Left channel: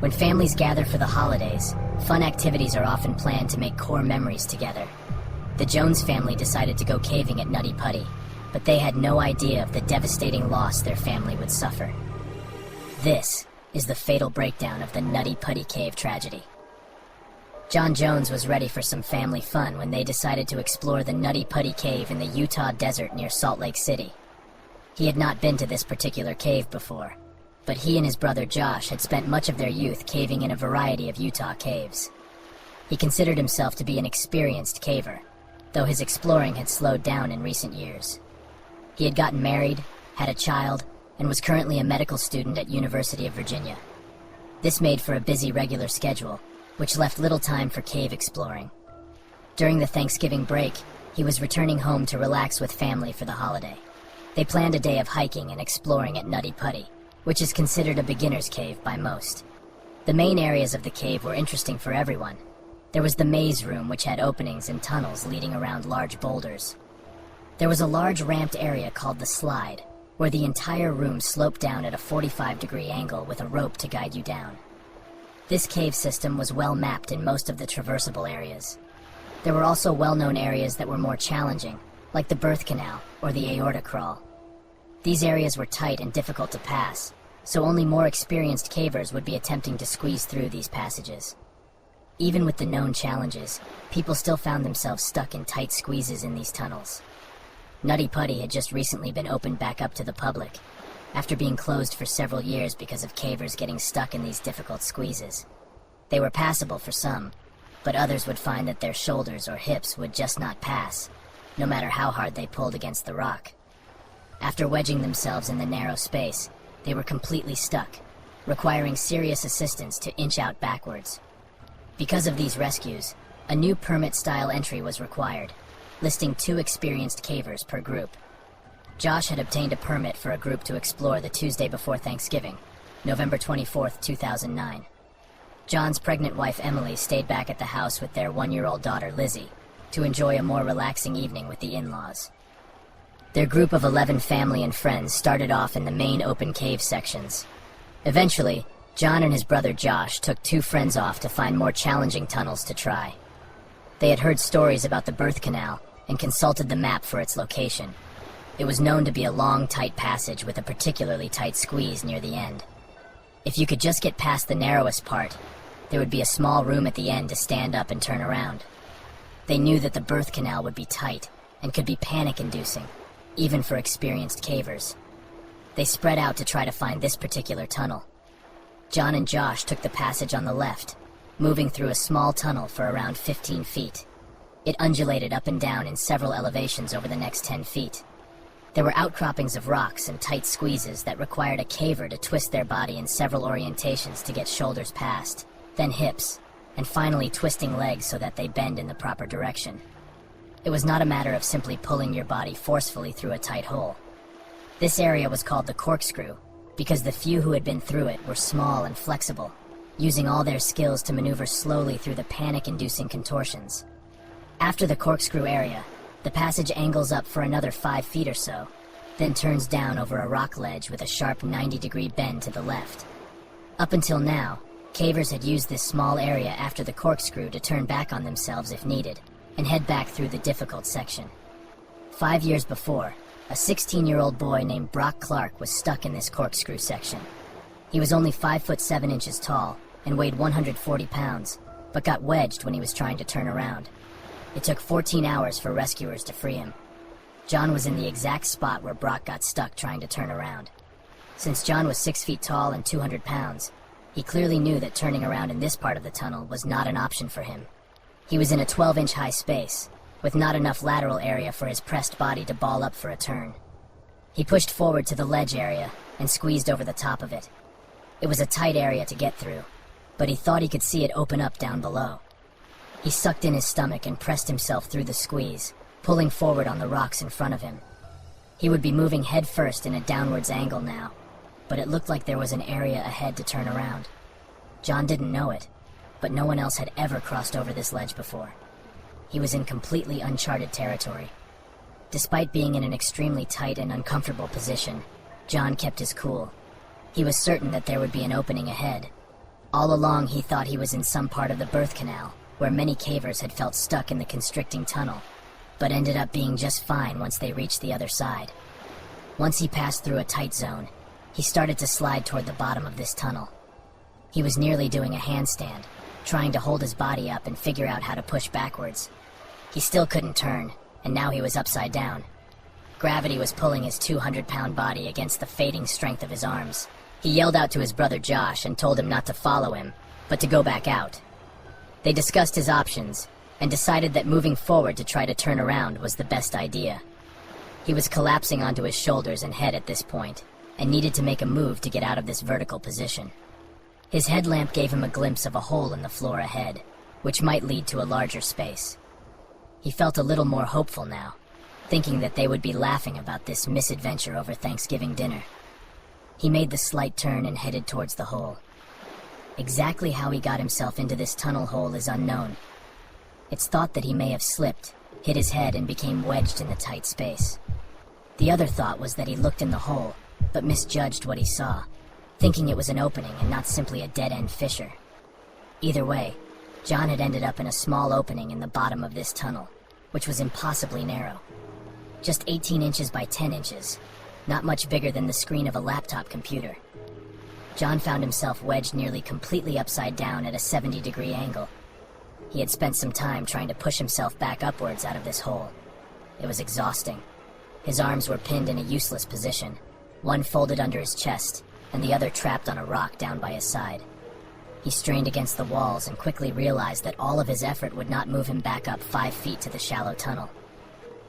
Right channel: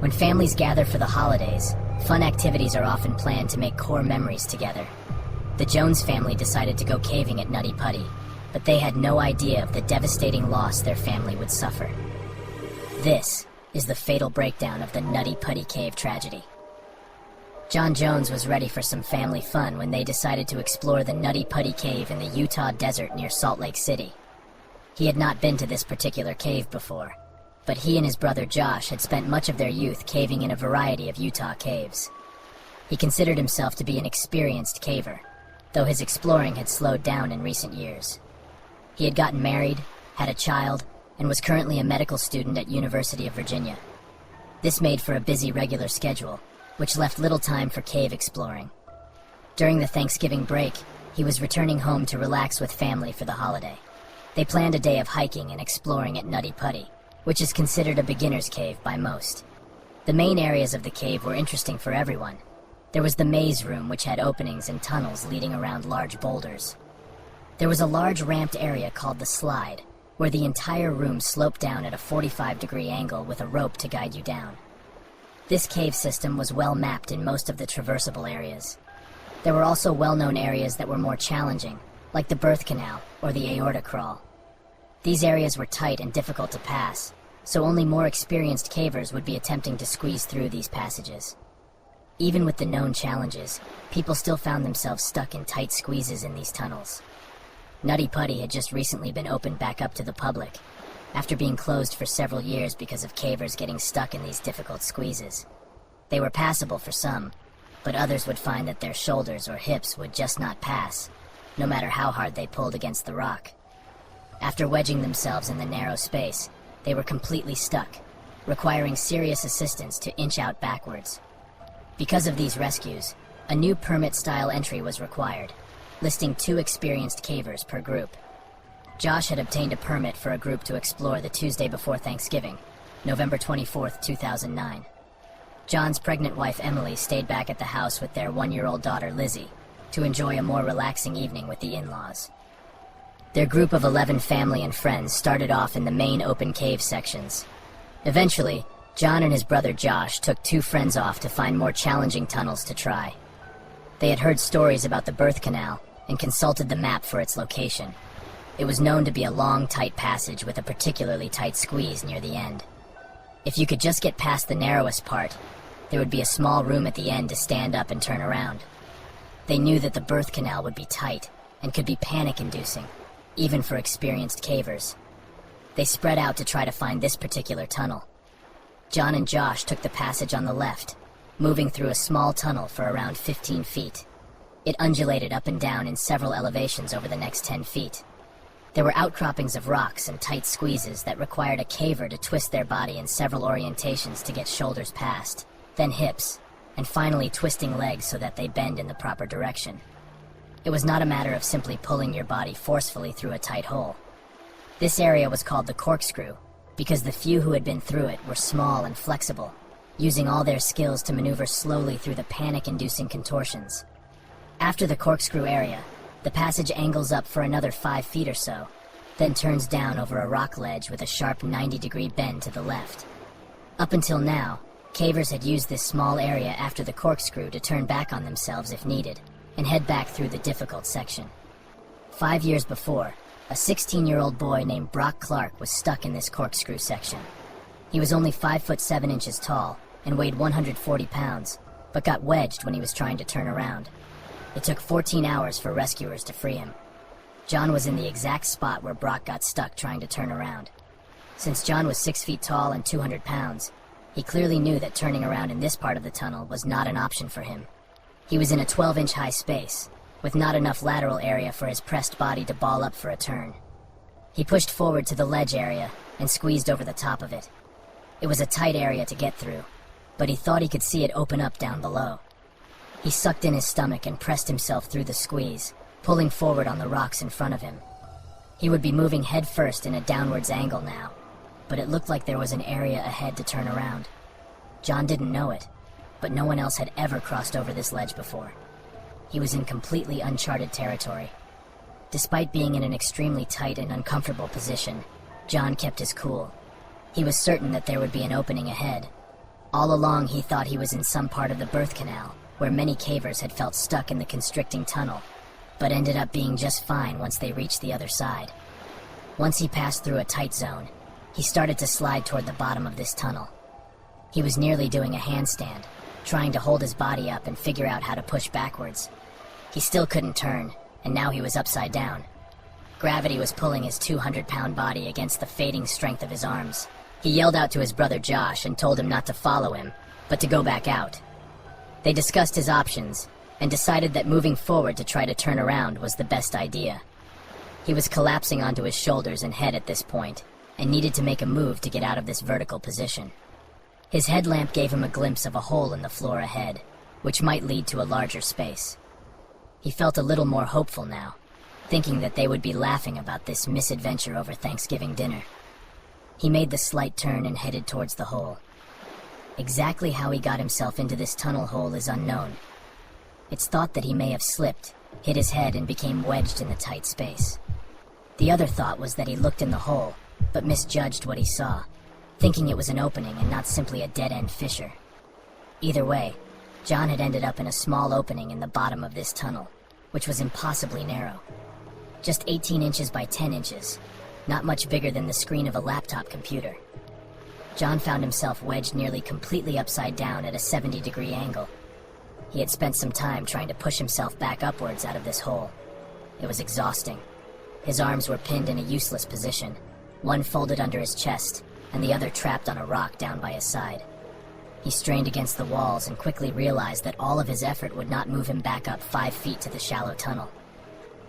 When families gather for the holidays, fun activities are often planned to make core memories together. The Jones family decided to go caving at Nutty Putty, but they had no idea of the devastating loss their family would suffer. This is the fatal breakdown of the Nutty Putty cave tragedy. John Jones was ready for some family fun when they decided to explore the Nutty Putty cave in the Utah desert near Salt Lake City. He had not been to this particular cave before, but he and his brother Josh had spent much of their youth caving in a variety of Utah caves. He considered himself to be an experienced caver, though his exploring had slowed down in recent years. He had gotten married, had a child, and was currently a medical student at University of Virginia. This made for a busy regular schedule, which left little time for cave exploring. During the Thanksgiving break, he was returning home to relax with family for the holiday. They planned a day of hiking and exploring at Nutty Putty, which is considered a beginner's cave by most. The main areas of the cave were interesting for everyone. There was the maze room, which had openings and tunnels leading around large boulders. There was a large ramped area called the slide, where the entire room sloped down at a 45-degree angle with a rope to guide you down. This cave system was well mapped in most of the traversable areas. There were also well-known areas that were more challenging, like the birth canal or the aorta crawl. These areas were tight and difficult to pass, so only more experienced cavers would be attempting to squeeze through these passages. Even with the known challenges, people still found themselves stuck in tight squeezes in these tunnels. Nutty Putty had just recently been opened back up to the public, after being closed for several years because of cavers getting stuck in these difficult squeezes. They were passable for some, but others would find that their shoulders or hips would just not pass, no matter how hard they pulled against the rock. After wedging themselves in the narrow space, they were completely stuck, requiring serious assistance to inch out backwards. Because of these rescues, a new permit-style entry was required, listing 2 experienced cavers per group. Josh had obtained a permit for a group to explore the Tuesday before Thanksgiving, November 24th, 2009. John's pregnant wife Emily stayed back at the house with their 1-year-old daughter Lizzie to enjoy a more relaxing evening with the in-laws. Their group of 11 family and friends started off in the main open cave sections. Eventually, John and his brother Josh took 2 friends off to find more challenging tunnels to try. They had heard stories about the birth canal and consulted the map for its location. It was known to be a long, tight passage with a particularly tight squeeze near the end. If you could just get past the narrowest part, there would be a small room at the end to stand up and turn around. They knew that the birth canal would be tight and could be panic-inducing, even for experienced cavers. They spread out to try to find this particular tunnel. John and Josh took the passage on the left, moving through a small tunnel for around 15 feet. It undulated up and down in several elevations over the next 10 feet. There were outcroppings of rocks and tight squeezes that required a caver to twist their body in several orientations to get shoulders past, then hips, and finally twisting legs so that they bend in the proper direction. It was not a matter of simply pulling your body forcefully through a tight hole. This area was called the corkscrew because the few who had been through it were small and flexible, using all their skills to maneuver slowly through the panic-inducing contortions. After the corkscrew area, the passage angles up for another 5 feet or so, then turns down over a rock ledge with a sharp 90-degree bend to the left. Up until now, cavers had used this small area after the corkscrew to turn back on themselves if needed, and head back through the difficult section. 5 years before, a 16-year-old boy named Brock Clark was stuck in this corkscrew section. He was only 5'7" tall and weighed 140 pounds, but got wedged when he was trying to turn around. It took 14 hours for rescuers to free him. John was in the exact spot where Brock got stuck trying to turn around. Since John was 6 feet tall and 200 pounds, he clearly knew that turning around in this part of the tunnel was not an option for him. He was in a 12-inch high space, with not enough lateral area for his pressed body to ball up for a turn. He pushed forward to the ledge area and squeezed over the top of it. It was a tight area to get through, but he thought he could see it open up down below. He sucked in his stomach and pressed himself through the squeeze, pulling forward on the rocks in front of him. He would be moving head first in a downwards angle now, but it looked like there was an area ahead to turn around. John didn't know it, but no one else had ever crossed over this ledge before. He was in completely uncharted territory. Despite being in an extremely tight and uncomfortable position, John kept his cool. He was certain that there would be an opening ahead. All along, he thought he was in some part of the birth canal, where many cavers had felt stuck in the constricting tunnel, but ended up being just fine once they reached the other side. Once he passed through a tight zone, he started to slide toward the bottom of this tunnel. He was nearly doing a handstand, trying to hold his body up and figure out how to push backwards. He still couldn't turn, and now he was upside down. Gravity was pulling his 200-pound body against the fading strength of his arms. He yelled out to his brother Josh and told him not to follow him, but to go back out. They discussed his options, and decided that moving forward to try to turn around was the best idea. He was collapsing onto his shoulders and head at this point, and needed to make a move to get out of this vertical position. His headlamp gave him a glimpse of a hole in the floor ahead, which might lead to a larger space. He felt a little more hopeful now, thinking that they would be laughing about this misadventure over Thanksgiving dinner. He made the slight turn and headed towards the hole. Exactly how he got himself into this tunnel hole is unknown. It's thought that he may have slipped, hit his head, and became wedged in the tight space. The other thought was that he looked in the hole, but misjudged what he saw, thinking it was an opening and not simply a dead-end fissure. Either way, John had ended up in a small opening in the bottom of this tunnel, which was impossibly narrow. Just 18 inches by 10 inches, not much bigger than the screen of a laptop computer. John found himself wedged nearly completely upside down at a 70-degree angle. He had spent some time trying to push himself back upwards out of this hole. It was exhausting. His arms were pinned in a useless position, one folded under his chest, and the other trapped on a rock down by his side. He strained against the walls and quickly realized that all of his effort would not move him back up 5 feet to the shallow tunnel.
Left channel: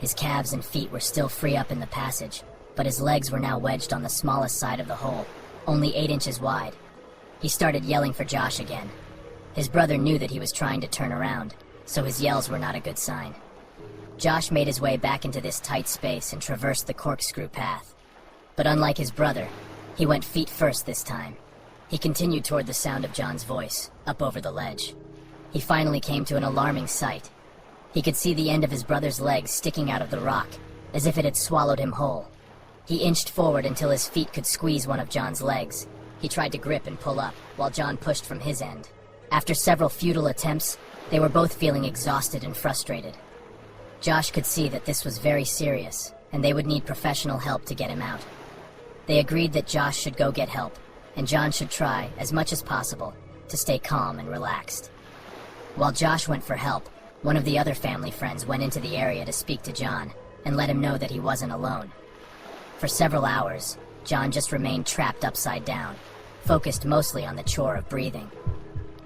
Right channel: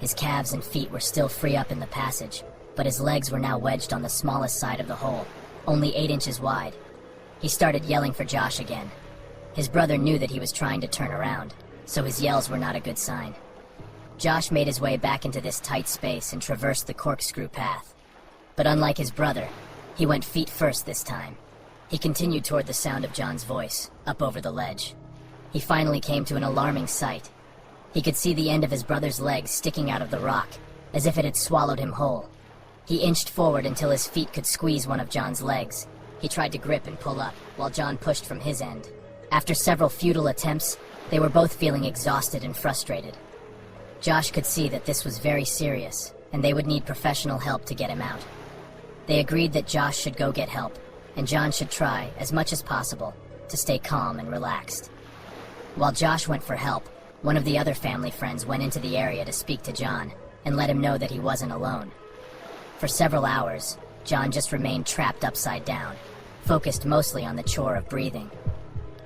His calves and feet were still free up in the passage, but his legs were now wedged on the smallest side of the hole, only 8 inches wide. He started yelling for Josh again. His brother knew that he was trying to turn around, so his yells were not a good sign. Josh made his way back into this tight space and traversed the corkscrew path. But unlike his brother, he went feet first this time. He continued toward the sound of John's voice, up over the ledge. He finally came to an alarming sight. He could see the end of his brother's legs sticking out of the rock, as if it had swallowed him whole. He inched forward until his feet could squeeze one of John's legs. He tried to grip and pull up, while John pushed from his end. After several futile attempts, they were both feeling exhausted and frustrated. Josh could see that this was very serious, and they would need professional help to get him out. They agreed that Josh should go get help, and John should try, as much as possible, to stay calm and relaxed. While Josh went for help, one of the other family friends went into the area to speak to John, and let him know that he wasn't alone. For several hours, John just remained trapped upside down, focused mostly on the chore of breathing.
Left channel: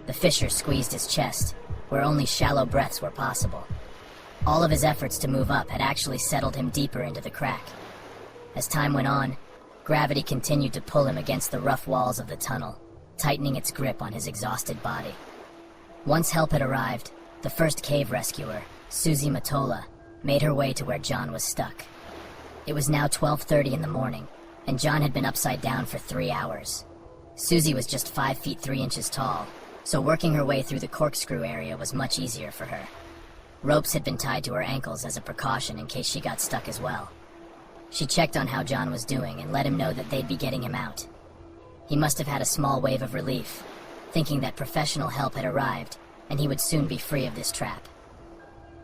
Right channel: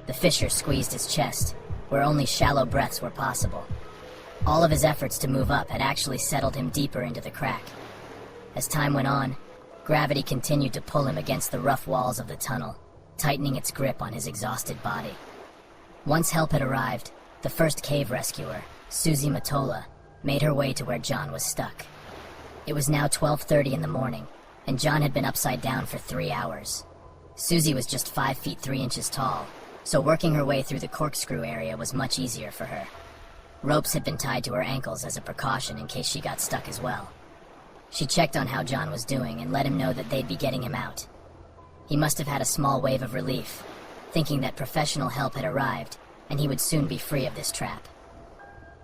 The fissure squeezed his chest, where only shallow breaths were possible. All of his efforts to move up had actually settled him deeper into the crack. As time went on, gravity continued to pull him against the rough walls of the tunnel, tightening its grip on his exhausted body. Once help had arrived, the first cave rescuer, Susie Matola, made her way to where John was stuck. It was now 12:30 in the morning, and John had been upside down for 3 hours. Susie was just 5 feet 3 inches tall, so working her way through the corkscrew area was much easier for her. Ropes had been tied to her ankles as a precaution in case she got stuck as well. She checked on how John was doing and let him know that they'd be getting him out. He must have had a small wave of relief, thinking that professional help had arrived and he would soon be free of this trap.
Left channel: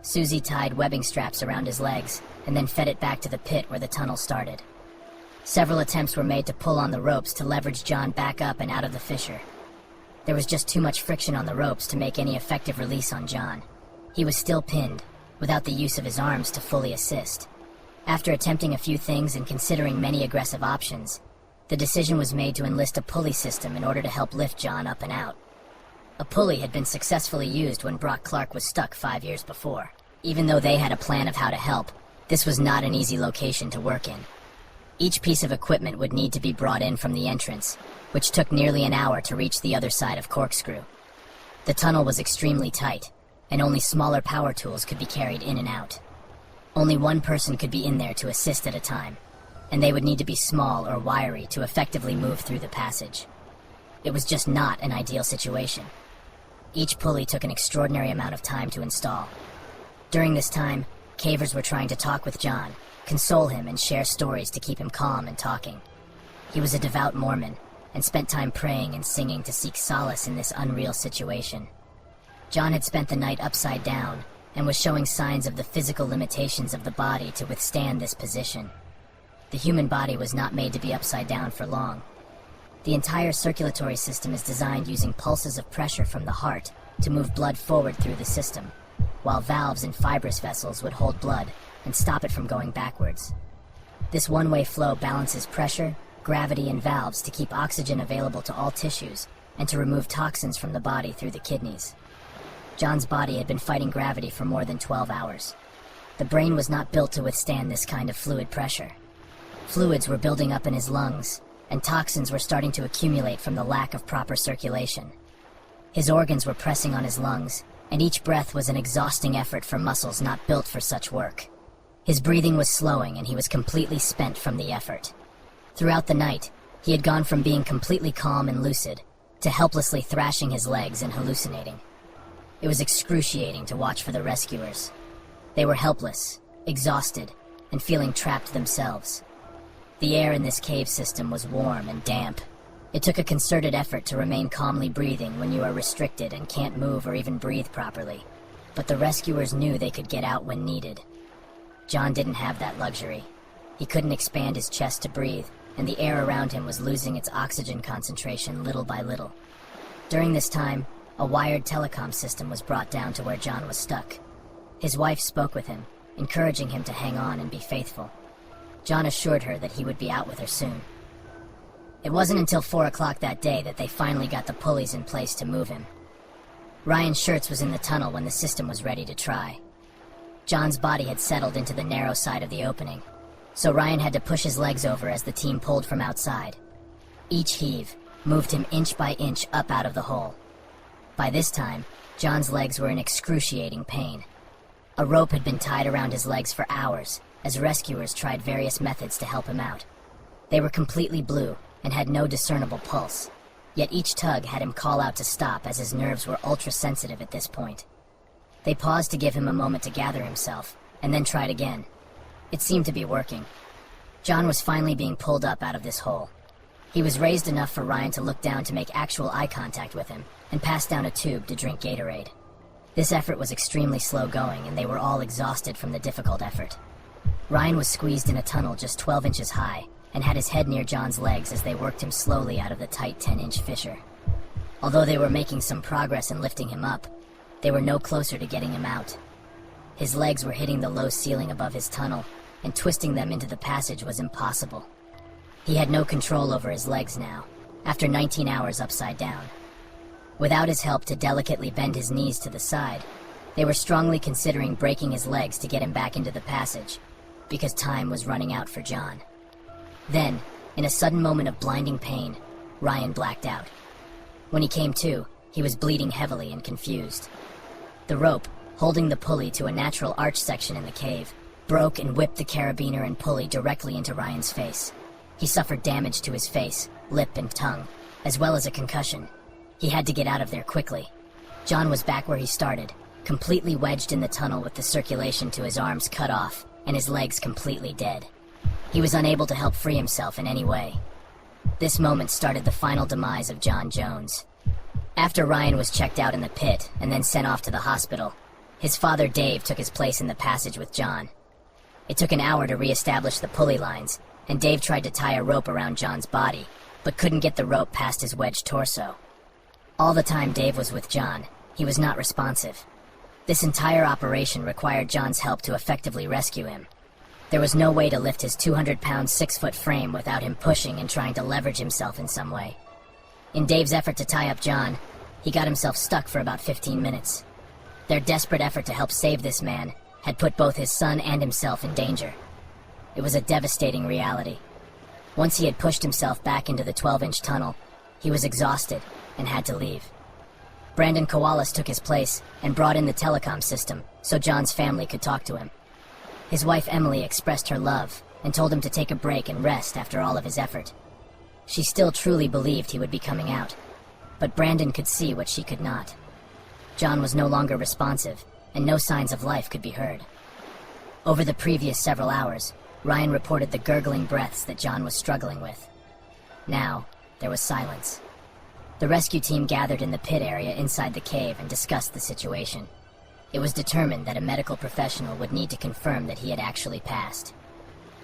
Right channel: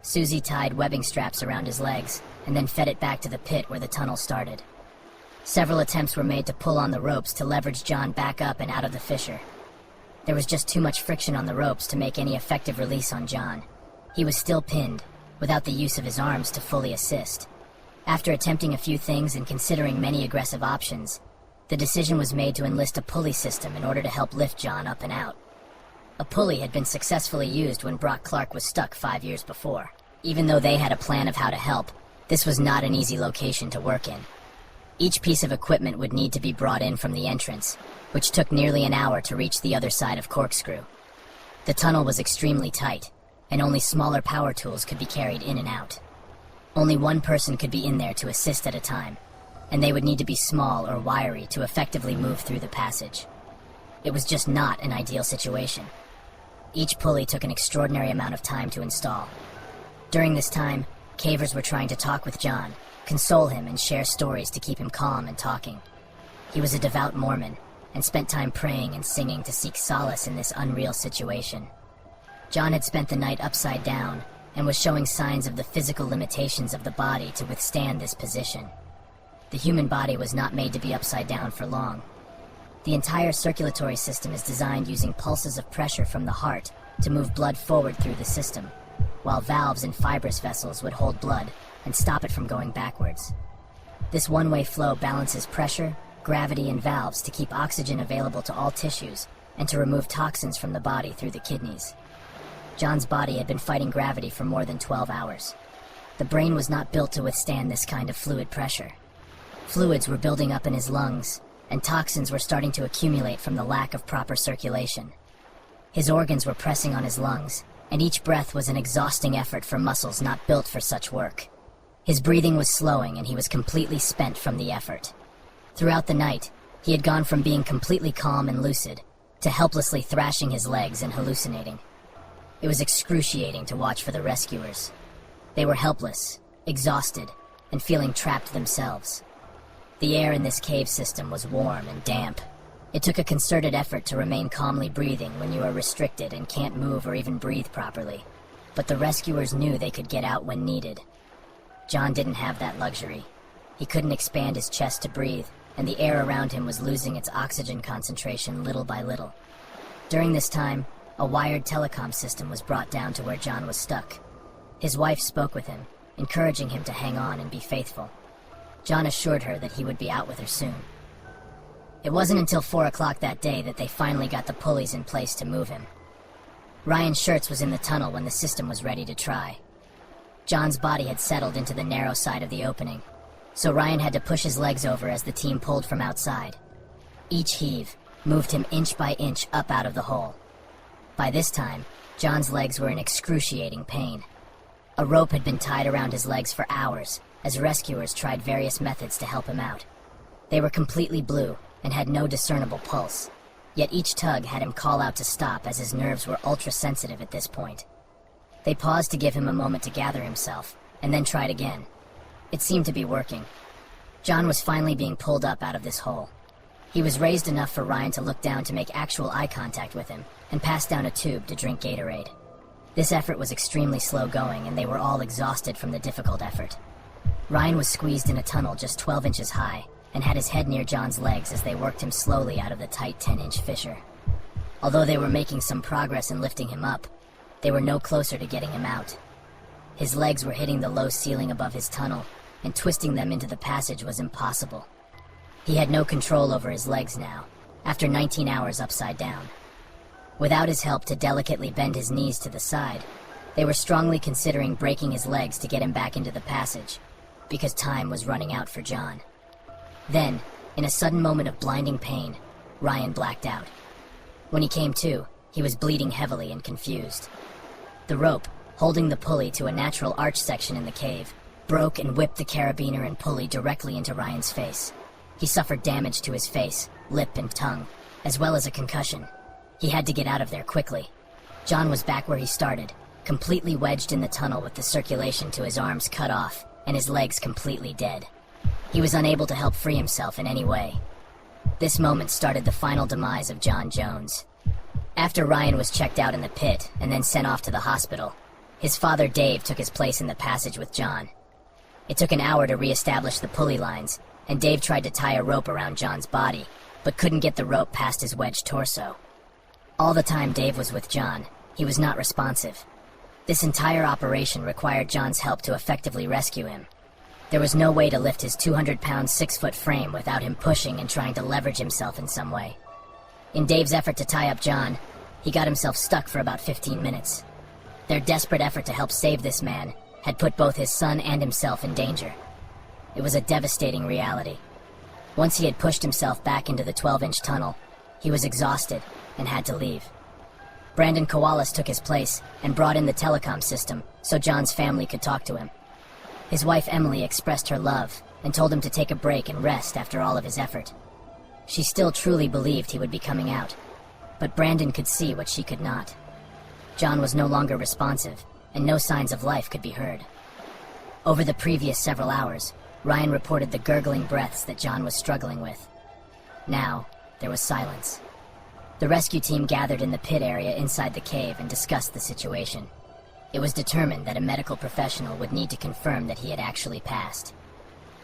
Susie tied webbing straps around his legs and then fed it back to the pit where the tunnel started. Several attempts were made to pull on the ropes to leverage John back up and out of the fissure. There was just too much friction on the ropes to make any effective release on John. He was still pinned, without the use of his arms to fully assist. After attempting a few things and considering many aggressive options, the decision was made to enlist a pulley system in order to help lift John up and out. A pulley had been successfully used when Brock Clark was stuck 5 years before. Even though they had a plan of how to help, this was not an easy location to work in. Each piece of equipment would need to be brought in from the entrance, which took nearly an hour to reach the other side of Corkscrew. The tunnel was extremely tight, and only smaller power tools could be carried in and out. Only one person could be in there to assist at a time, and they would need to be small or wiry to effectively move through the passage. It was just not an ideal situation. Each pulley took an extraordinary amount of time to install. During this time, cavers were trying to talk with John, console him, and share stories to keep him calm and talking. He was a devout Mormon, and spent time praying and singing to seek solace in this unreal situation. John had spent the night upside down and was showing signs of the physical limitations of the body to withstand this position. The human body was not made to be upside down for long. The entire circulatory system is designed using pulses of pressure from the heart to move blood forward through the system, while valves and fibrous vessels would hold blood and stop it from going backwards. This one-way flow balances pressure, gravity, and valves to keep oxygen available to all tissues and to remove toxins from the body through the kidneys. John's body had been fighting gravity for more than 12 hours. The brain was not built to withstand this kind of fluid pressure. Fluids were building up in his lungs, and toxins were starting to accumulate from the lack of proper circulation. His organs were pressing on his lungs, and each breath was an exhausting effort for muscles not built for such work. His breathing was slowing, and he was completely spent from the effort. Throughout the night, he had gone from being completely calm and lucid to helplessly thrashing his legs and hallucinating. It was excruciating to watch for the rescuers. They were helpless, exhausted, and feeling trapped themselves. The air in this cave system was warm and damp. It took a concerted effort to remain calmly breathing when you are restricted and can't move or even breathe properly. But the rescuers knew they could get out when needed. John didn't have that luxury. He couldn't expand his chest to breathe, and the air around him was losing its oxygen concentration little by little. During this time, a wired telecom system was brought down to where John was stuck. His wife spoke with him, encouraging him to hang on and be faithful. John assured her that he would be out with her soon. It wasn't until 4 o'clock that day that they finally got the pulleys in place to move him. Ryan Shurtz was in the tunnel when the system was ready to try. John's body had settled into the narrow side of the opening, so Ryan had to push his legs over as the team pulled from outside. Each heave moved him inch by inch up out of the hole. By this time, John's legs were in excruciating pain. A rope had been tied around his legs for hours as rescuers tried various methods to help him out. They were completely blue and had no discernible pulse, yet each tug had him call out to stop as his nerves were ultra-sensitive at this point. They paused to give him a moment to gather himself, and then tried again. It seemed to be working. John was finally being pulled up out of this hole. He was raised enough for Ryan to look down to make actual eye contact with him, and passed down a tube to drink Gatorade. This effort was extremely slow going, and they were all exhausted from the difficult effort. Ryan was squeezed in a tunnel just 12 inches high, and had his head near John's legs as they worked him slowly out of the tight 10-inch fissure. Although they were making some progress in lifting him up, they were no closer to getting him out. His legs were hitting the low ceiling above his tunnel, and twisting them into the passage was impossible. He had no control over his legs now, after 19 hours upside down. Without his help to delicately bend his knees to the side, they were strongly considering breaking his legs to get him back into the passage, because time was running out for John. Then, in a sudden moment of blinding pain, Ryan blacked out. When he came to, he was bleeding heavily and confused. The rope, holding the pulley to a natural arch section in the cave, broke and whipped the carabiner and pulley directly into Ryan's face. He suffered damage to his face, lip, and tongue, as well as a concussion. He had to get out of there quickly. John was back where he started, completely wedged in the tunnel with the circulation to his arms cut off and his legs completely dead. He was unable to help free himself in any way. This moment started the final demise of John Jones. After Ryan was checked out in the pit and then sent off to the hospital, his father Dave took his place in the passage with John. It took an hour to re-establish the pulley lines, and Dave tried to tie a rope around John's body, but couldn't get the rope past his wedged torso. All the time Dave was with John, he was not responsive. This entire operation required John's help to effectively rescue him. There was no way to lift his 200-pound, 6-foot frame without him pushing and trying to leverage himself in some way. In Dave's effort to tie up John, he got himself stuck for about 15 minutes. Their desperate effort to help save this man had put both his son and himself in danger. It was a devastating reality. Once he had pushed himself back into the 12-inch tunnel, he was exhausted and had to leave. Brandon Kowalas took his place and brought in the telecom system so John's family could talk to him. His wife Emily expressed her love and told him to take a break and rest after all of his effort. She still truly believed he would be coming out, but Brandon could see what she could not. John was no longer responsive, and no signs of life could be heard. Over the previous several hours, Ryan reported the gurgling breaths that John was struggling with. Now, There was silence. The rescue team gathered in the pit area inside the cave and discussed the situation. It was determined that a medical professional would need to confirm that he had actually passed.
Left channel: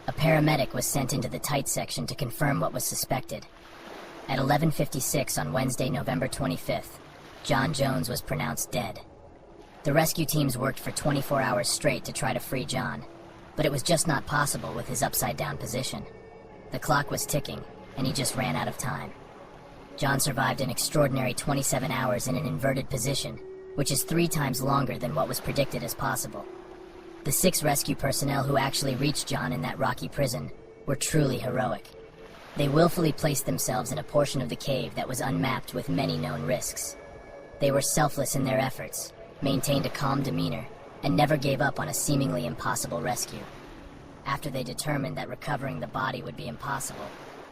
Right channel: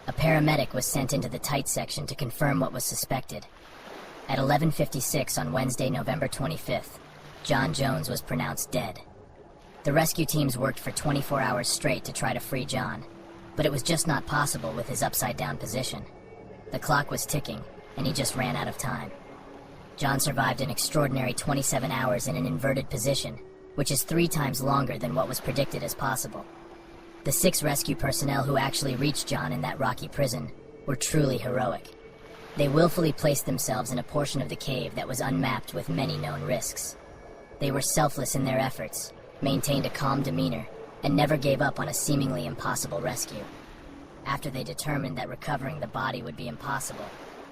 A paramedic was sent into the tight section to confirm what was suspected. At 11:56 on Wednesday, November 25th, John Jones was pronounced dead. The rescue teams worked for 24 hours straight to try to free John, but it was just not possible with his upside-down position. The clock was ticking, and he just ran out of time. John survived an extraordinary 27 hours in an inverted position, which is 3 times longer than what was predicted as possible. The 6 rescue personnel who actually reached John in that rocky prison were truly heroic. They willfully placed themselves in a portion of the cave that was unmapped with many known risks. They were selfless in their efforts, maintained a calm demeanor, and never gave up on a seemingly impossible rescue. After they determined that recovering the body would be impossible,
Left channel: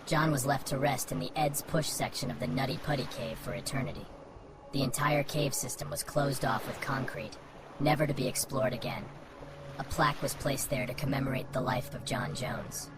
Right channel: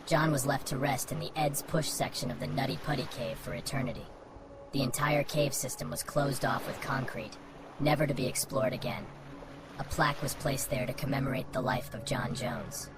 John was left to rest in the Ed's Push section of the Nutty Putty cave for eternity. The entire cave system was closed off with concrete, never to be explored again. A plaque was placed there to commemorate the life of John Jones.